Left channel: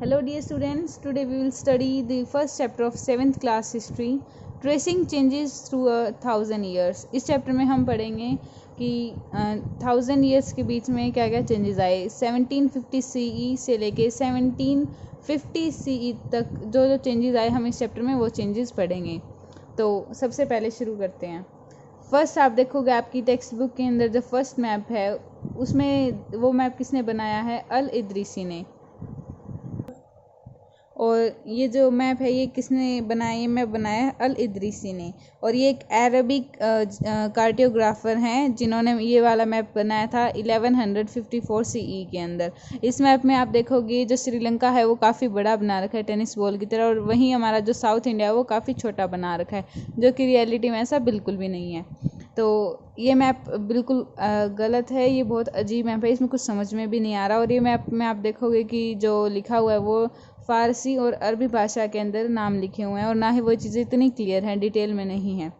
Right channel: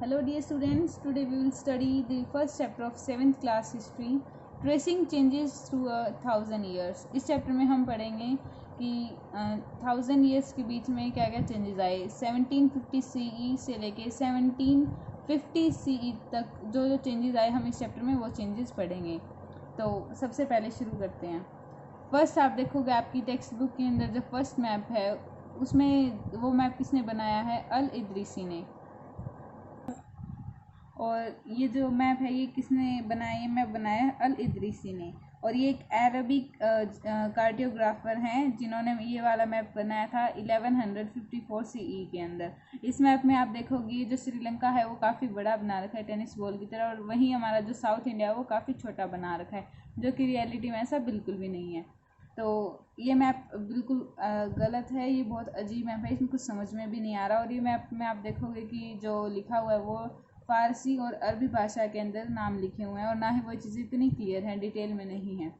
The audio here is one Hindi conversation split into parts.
Hello dear students, today we will study the first chapter of 7th class history, tracing changes through 1000 years। इस चैप्टर में हम पढ़ेंगे कि 1000 years के बीच में क्या क्या चेंजेस आए। 1750 CE से लेके 1750 CE तक जो चेंजेस आए हम इस चैप्टर में वो चेंजेस पढ़ेंगे। तो सबसे पहले शुरू करते हैं। फर्स्ट आप देखोगे आपकी टेक्स्ट बुक के अंदर जो फर्स्ट मैप है उसमें वो मैप किसने बनाया है? अल इदरीसी ने। और ये जो मैप है ये किसने बनाया? ये मैप बनाया है अल इदरीसी ने। और ये एक अरबिक कार्टोग्राफर हैं जिन्होंने ये वाला मैप बनाया था 1154 CE के अंदर। इस मैप में आप देखोगे जो श्रीलंका है वो काफ़ी बड़ा बना रखा है टेनिस बॉल की तरह, और वहीं हमारा जो साउथ इंडिया है वो काफ़ी छोटा बना रखा है, जो कि रियलिटी में ऐसा बिल्कुल भी नहीं है। तो ये मैप बिल्कुल गलत है, ये बहुत अजीब मैप है, इसमें कुछ समझ में भी नहीं आ रहा। और ये मैप में आप देखोगे कि जो लिखा हुआ है वो फ़ारसी और अरबी भाषा के अंदर नाम लिखे हुए हैं, और ना ही वो चीज़ें इतनी क्लियर हैं, डिटेल में नहीं है।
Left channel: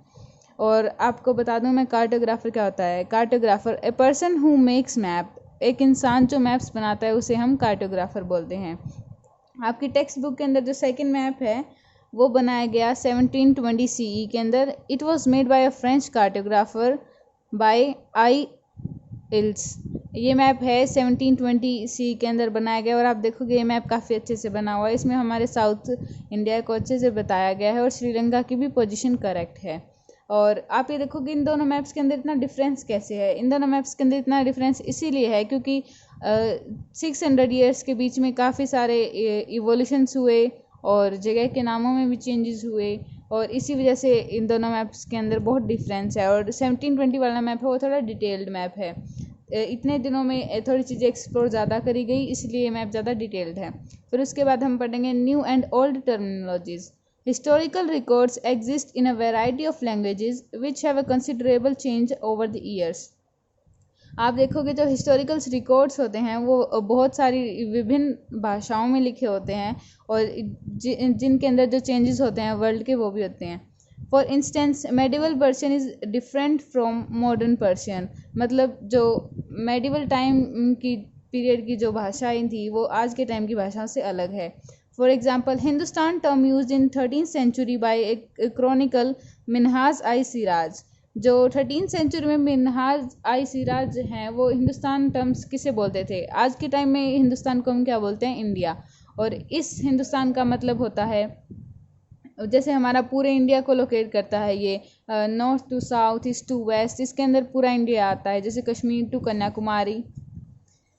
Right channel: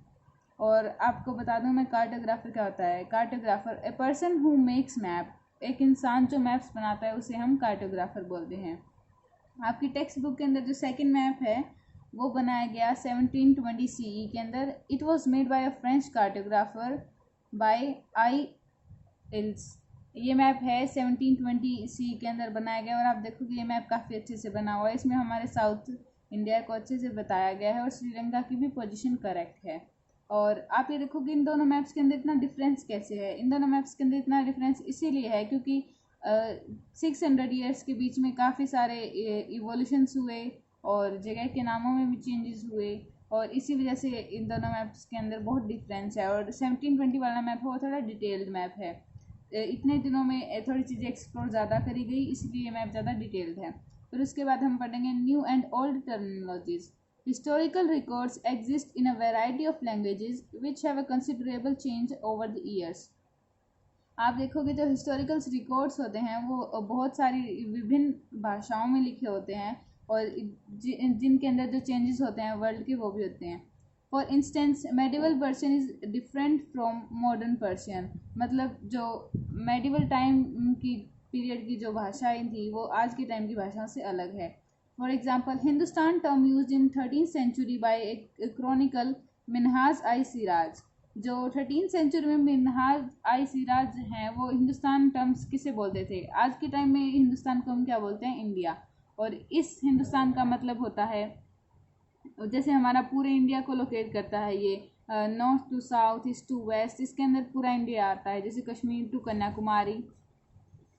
और आपको बता दूं मैं कार्टोग्राफर क्या होता है। Cartographer a person who makes map, एक इंसान जो मैप्स बनाता है उसे हम कार्टोग्राफर बोलते हैं। आपकी टेक्स्ट बुक के अंदर जो सेकंड मैप है वो बनाया गया 1720 CE के अंदर। It was made by a French cartographer by आई इल्स। ये मैप है 1720 CE के अंदर बनाया गया, और आप देखोगे ये मैप काफ़ी अच्छे से बना हुआ है। इसमें हमारे साउथ इंडिया को अच्छे से बताया गया है और श्रीलंका की भी पोजीशन करेक्ट है। और आप ये देखोगे इन दोनों मैप्स के अंदर इतना डिफरेंस कैसे है। इन दोनों मैप्स के अंदर इतना डिफरेंस इसीलिए है क्योंकि 600 ईयर्स के बीच में काफ़ी सारे इवोल्यूशंस हुए और जगह के नामों में भी चेंजेस हुए, और इसी वजह से इन दोनों मैप्स के अंदर बहुत डिफरेंस है। और 1720 वाला मैप है वो थोड़ा डिटेल्ड मैप है। इतने दिनों में थोड़ी चीज़ें एक्सप्लोर ज़्यादा करी गई, इसलिए मैप ज़्यादा डिटेल्ड है। फिर उसके बाद हम पढ़ेंगे new and old terminologies. Historical records exist in a variety of languages which have a considerable change over the years. आप देखोगे जो हिस्टोरिकल्स रिकॉर्ड्स होते हैं वो बहुत सारी विभिन्न भाषाओं में लिखे होते हैं, और जिनके अंदर जो चेंजेस होते हैं वर्ल्ड के वो भी होते हैं। For instance medieval Persian is different from modern Persian. मतलब जो मेडिवल टाइम की पीरियड की जो भाषाएं थी वो आज के टाइम की भाषाओं से अलग है। For example Hindustan term use in 13th century by a chronicle Minhaj i Siraj. जो 13th सेंचुरी में मिनहाज आई सिराज हैं वो हिंदुस्तान टर्म्स किसे बोलते थे? आज के टाइम में हिंदुस्तान को हम क्या बोलते हैं? इंडिया। और इस हिंदुस्तान का मतलब होता है जैसे हमारा पूरे इंडिया को लोकेट करता है ये, north to south, east to west, इसके अंदर पूरा इंडिया आता है, जैसे कश्मीर टू कन्याकुमारी।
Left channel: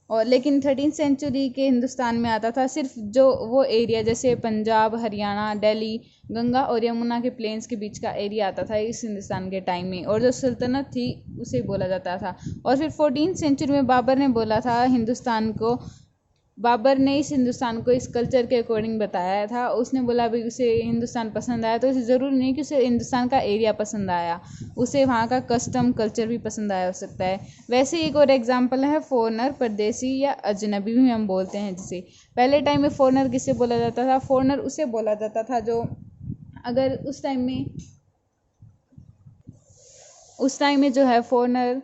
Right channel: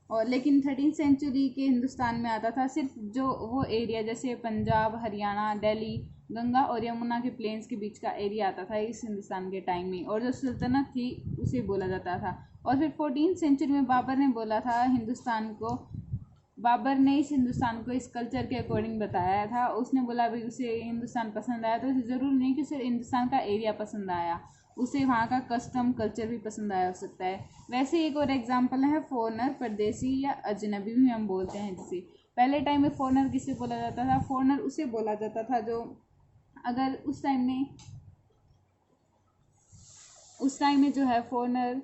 और लेकिन 13th सेंचुरी के हिंदुस्तान में आता था सिर्फ जो वो एरिया जैसे पंजाब, हरियाणा, दिल्ली, गंगा और यमुना के प्लेन्स के बीच का एरिया आता था इस हिंदुस्तान के टाइम में, और जो सल्तनत थी उसे बोला जाता था। और फिर 14th सेंचुरी में बाबर ने बोला था हिंदुस्तान को, बाबर ने इस हिंदुस्तान को इस कल्चर के अकॉर्डिंग बताया था। उसने बोला भाई उसे हिंदुस्तान पसंद आया, तो उसे ज़रूरी नहीं कि उसे हिंदुस्तान का एरिया पसंद आया, उसे वहाँ का कस्टम कल्चर भी पसंद आया हो सकता है। वैसे ही एक और एग्जांपल है फॉरनर, परदेसी या अजनबी भी हम बोलते हैं जिसे। पहले टाइम में फॉरनर किसे बोला जाता था? फॉरनर उसे बोला जाता था जो अगर उस टाइम में जो है फॉरनर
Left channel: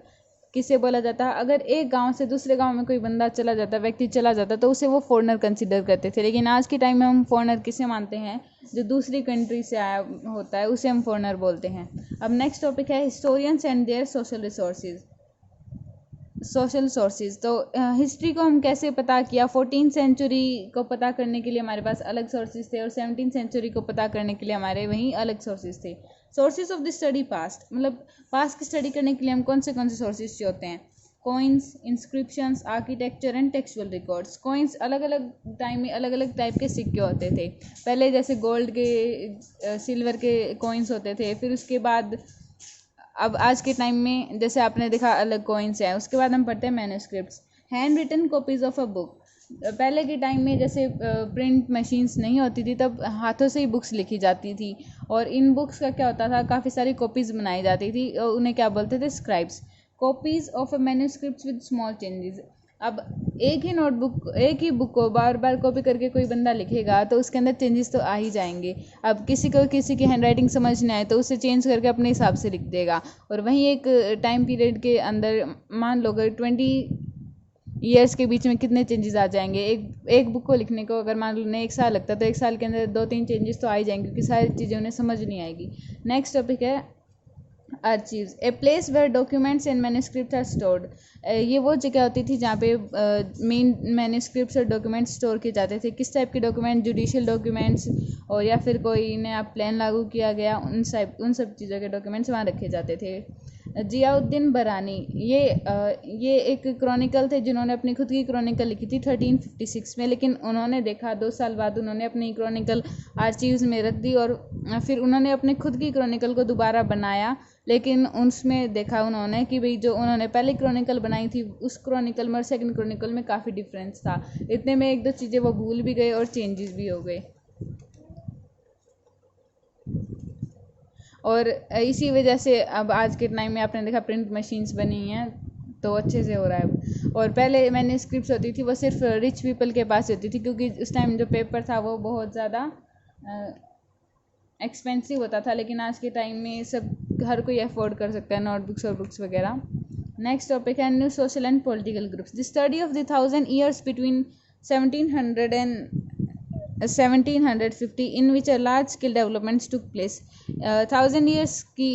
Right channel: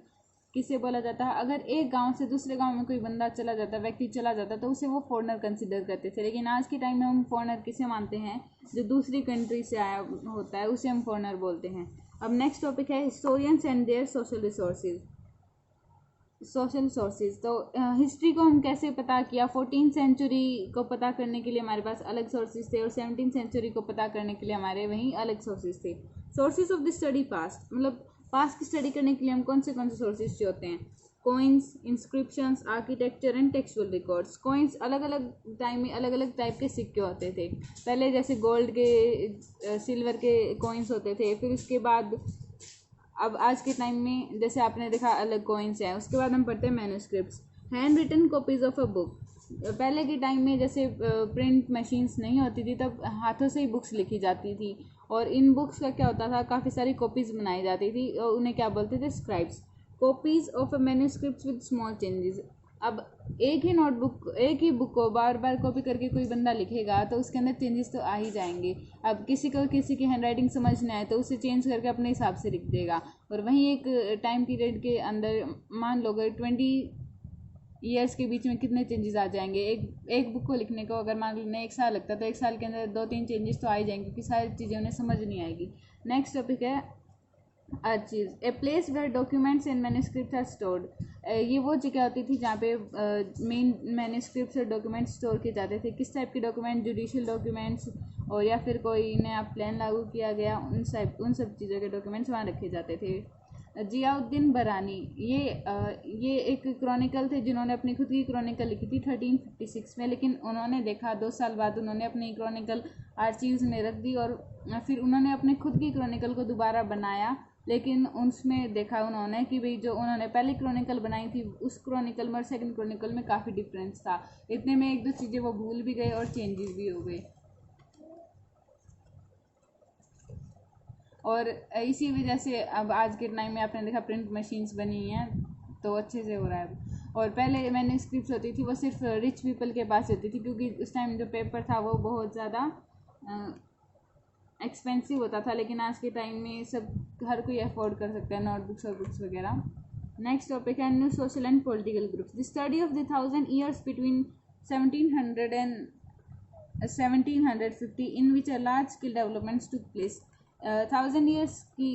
किसे बोला जाता है? अगर एक गांव से दूसरे गांव में कोई बंदा चला जाता, व्यक्ति चला जाता, तो उसे वो फॉरनर कंसिडर करते थे। लेकिन आज के टाइम में हम फॉरनर किसे मानते हैं? जो दूसरी कंट्री से आया होता है उसे हम फॉरनर बोलते हैं। अब नेक्स्ट टॉपिक है historians and their social sources. तो हिस्ट्री को हम कैसे पता किया? 14th सेंचुरी को पता करने के लिए हमारे पास अलग सोर्सेज थे, और 17th सेंचुरी को पता करने के लिए हमारे वहीं अलग सोर्सेज थे। Sources of the study past, मतलब पास्ट की स्टडी करने के लिए हम कौन से सोर्सेज होते हैं? Coins, inscriptions, architecture and textual records. Coins अलग अलग टाइम में अलग अलग टाइप के सिक्के होते थे। पहले जैसे गोल्ड के, सिल्वर के कॉइन्स होते थे, फिर उसके बाद अब आज के टाइम में जैसे आपने देखा अलग कॉइन्स है। उसके बाद हम पढ़ते हैं manuscripts, hand written copies of a book. पहले के टाइम में जैसे प्रिंट मशीन्स नहीं होती थी तब हाथों से ही बुक्स लिखी जाती थी, और इन बुक्स का क्या होता था, काफ़ी सारी कॉपीज़ बनाई जाती थी, और उन्हें क्या बोलते थे? Scribes. Copies of a manuscripts with small changes. अब एक ही बुक को बार बार कॉपी करके कोई बंदा लिखेगा तो उसके अंदर चेंजेस तो आ ही जाएंगे। अब किसी को किसी की हैंडराइटिंग समझ नहीं आए तो उसे चेंज करके अपने हिसाब से लिख देगा। और वहीं एक टाइम पीरियड के अंदर मान लो अगर ईयर्स के बीच में कितने चेंजेस आ जाएंगे। एक बुक को लिखने को अगर मान लो उन्हें 1 साल लगता है तो 1 साल के अंदर 2-3 चेंजेस तो आ ही जाएंगे, क्योंकि सारी चीज़ें उन्हें समझ नहीं आएगी। नेक्स्ट टॉपिक है archives, a place where documents and manuscript are stored. ये वो जगह होती थी जहाँ पे मेन मैन्युस्क्रिप्ट्स और डॉक्यूमेंट्स स्टोर किए जाते थे। किस टाइप के डॉक्यूमेंट, जुडिशियल डॉक्यूमेंट्स और या फिर कोई नया प्लान लागू किया गया, उन सब चीज़ों के डॉक्यूमेंट्स वहाँ रखे जाते थे। जियाउद्दीन बरानी, ये एक क्रॉनिकल थे जिन्होंने अपनी खुद की क्रॉनिकल लिखी थी 1356 में, लेकिन उन्होंने देखा 2 साल बाद उन्होंने अपनी क्रॉनिकल आर्चीव्स में रख दी और फिर उन्होंने अपने खुद की क्रॉनिकल को दोबारा बनाया, लेकिन उसमें देखा उन्होंने कि भाई जो उन्होंने पहले क्रॉनिकल बनाई थी उस क्रॉनिकल में और सेकंड क्रॉनिकल में काफ़ी डिफरेंस था। इतने में 1-2 चीज़ें वो भूल भी गए और चेंजेस भी हो गए, और इसी वजह से अब आज के टाइम में आपने देखा प्रिंट मशीन्स बनी हैं तो अच्छे से हो रहा है। और पहले मैंने स्क्रिप्ट होती थी वो सिर्फ रिच पीपल के पास होती थी, क्योंकि उस टाइम जो पेपर था वो बहुत ज़्यादा एक्सपेंसिव होता था, लेकिन आज के टाइम में सब हर कोई अफोर्ड कर सकता है नोटबुक्स और बुक्स वगैरह। नेक्स्ट टॉपिक है new social and political groups, the study of the 1000 years between 1700 and 1750 in which a large scale developments took place। 1000 years की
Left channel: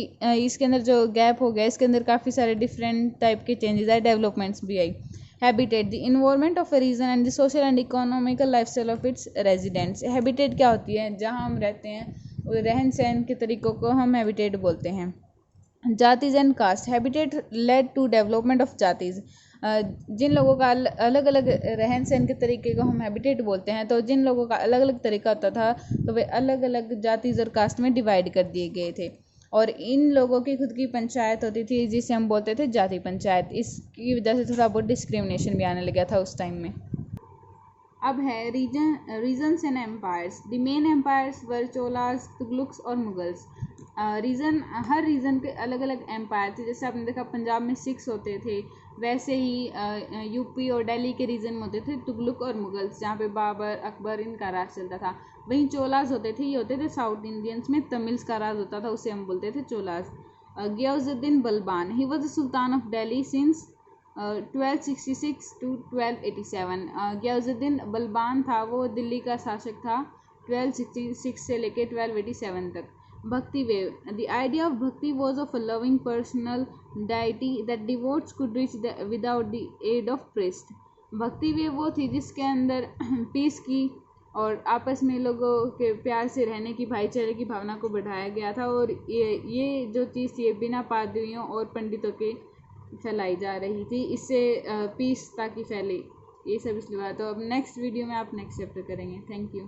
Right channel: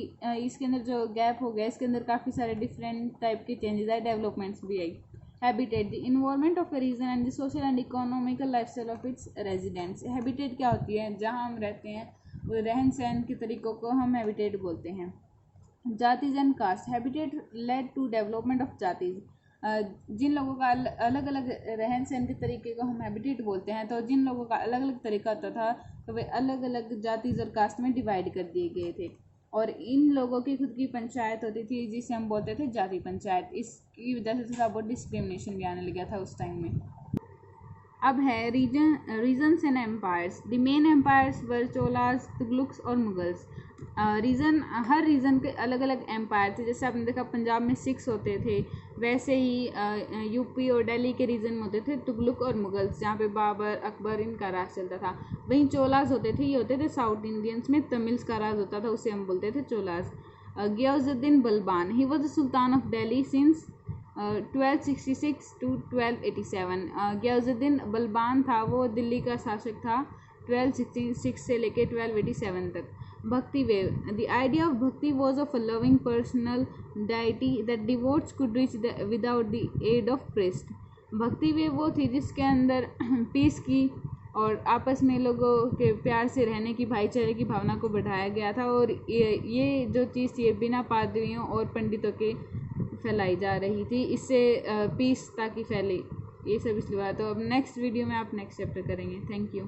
इसके अंदर जो गैप हो गया, इसके अंदर काफ़ी सारे डिफरेंट टाइप के चेंजेस आए, डेवलपमेंट्स भी आई। Habitat, the environment of a region and the social and economical lifestyle of its residents. Habitat क्या होती है, जहाँ हम रहते हैं, रहन सहन के तरीक़ों को हम हैबिटेट बोलते हैं। जातीज and caste, habitat led to development of जातीज। जिन लोगों का अलग अलग रहन सहन के तरीके को हम हैबिटेट बोलते हैं, तो जिन लोगों का अलग अलग तरीका होता था तो वे अलग अलग जातीज और कास्ट में डिवाइड कर दिए गए थे, और इन लोगों की खुद की पंचायत होती थी जिसे हम बोलते थे जाति पंचायत। इसकी वजह से थोड़ा बहुत डिस्क्रिमिनेशन भी आने लगा था उस टाइम में। अब है regions and empires, the main empires were Cholas, Tughlaqs और मुगल्स। हर रीजन के अलग अलग एम्पायर थे। जैसे आपने देखा पंजाब में 6 होते थे, वैसे ही यूपी और दिल्ली के रीजन में होते थे तुगलुक और मुगल्स, जहाँ पे बाबर, अकबर इनका राज चलता था। वहीं चोलास होते थे, ये होते थे साउथ इंडियंस में, तमिल्स का राज होता था, उसे हम बोलते थे Cholas. Ghiyasuddin Balban, he was the sultan of Delhi since 1266 to 1287। Ghiyasuddin Balban था, वो दिल्ली का शासक था 1266 से लेके 1287 तक। Bhakti wave, the idea of bhakti was of a loving personal deity that devotees could reach without the aid of priest. Bhakti wave वो थी जिसके अंदर पीस की और आपस में लोगों के प्यार से रहने की, भाईचारे की भावना को बढ़ाया गया था, और ये जो चीज़ थी बिना पादरियों और पंडितों के फैलाई जा रही थी, इससे पीस ताकि फैले, ये सब इसलिए हुआ। तो अब नेक्स्ट वीडियो में आप नेक्स्ट चैप्टर करेंगे। Thank you.